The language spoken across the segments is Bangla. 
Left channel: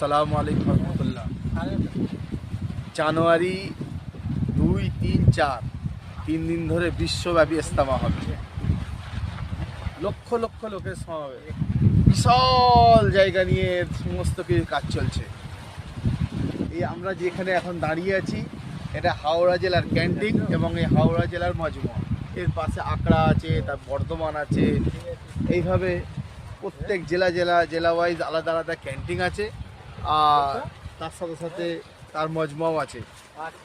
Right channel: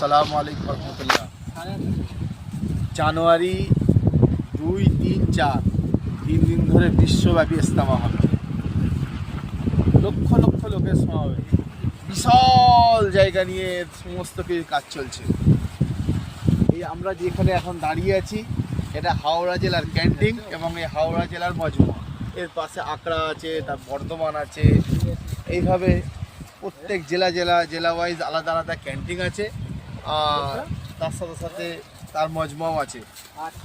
আসসালামু আলাইকুম রহমতুল্লাহ। জানুয়ারি 2, 3, 4 3 দিন ধরে বিশ্বব্যাপী ইজতেমা হবে। লক্ষ লক্ষ লোকের সমাবেশ, বিশাল জায়গা নিয়ে সমস্ত কিছু কাজ চলছে। এই আমরা যেখানে এখন দাঁড়িয়ে আছি, এটা হাওড়া জেলার ক্যান্টিন এবং এই হাওড়া জেলার মজমা। এর পাশে আকড়া আছে, তার বর্ধমান আছে। এইভাবে প্রত্যেক জেলা ওয়াইজ আলাদা আলাদা ক্যান্টিন আছে, আর তার সাথে সাথে তার মজমাও আছে।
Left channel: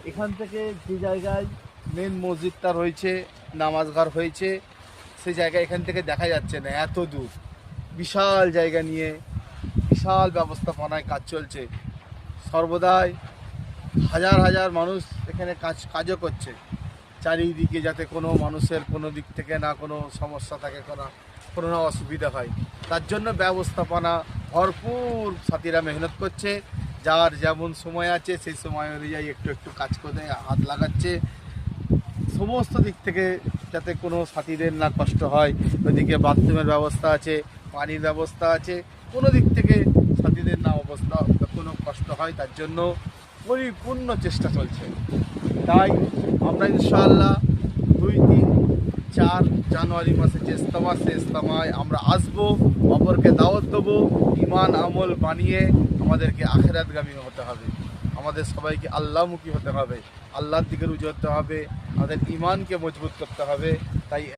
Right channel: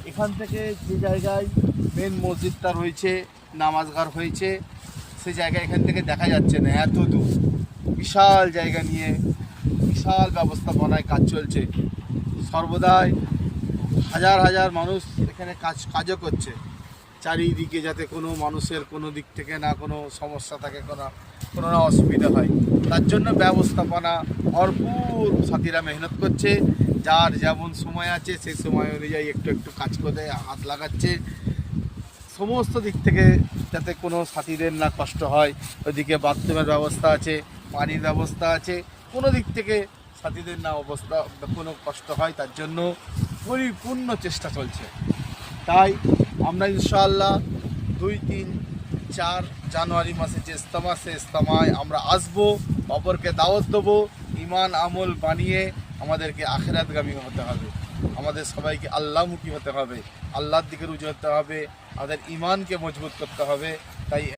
এখান থেকে যে জায়গায় মেন মসজিদটা রয়েছে, নামাজঘর হয়েছে, সেই জায়গা এখান থেকে দেখা যাচ্ছে না, এত দূর। বিশাল জায়গা নিয়ে বিশাল ব্যবস্থাপনায় কাজ চলছে। সর্বদাই হাজার হাজার মানুষ এখানে কাজও করছে, চারিদিকে যাতে কোনো মানুষের কোনো দিক থেকে না কোনো সমস্যা থাকে, কোনো না অসুবিধা হয়, তার জন্য ব্যবস্থাপনা ভরপুর। সাথীরা মেহনত করছে, যার যেমন সময় আছে সেই সময় অনুযায়ী একটু একটু কাজ করে হাত লাগাচ্ছে। সমস্ত দিক থেকে যাতে কোনো সাথীদের না কষ্ট হয়, ওইদিকে বাথরুমের ব্যবস্থা আছে, পানির ব্যবস্থা আছে, কোনো দিক থেকে সাথীদের না কোনো কষ্ট হয়, তার জন্য পরিপূর্ণ চেষ্টা চলছে। তাই আমরা ইনশাআল্লাহ 2, 3, 4 জানুয়ারি মাসে যে ইজতেমা, সে ইজতেমায় আমরা আসবো, অপরকে দাওয়াত দেবো। ইমান আমল বানিয়ে আমাদেরকে আখিরাতগামী হতে হবে, আমাদের সবাইকে আল্লাহমুখী হতে হবে, আল্লাহর দিকে রুজু হতে হবে, আমাদের ইমানকে মজবুত করতে হবে। তাই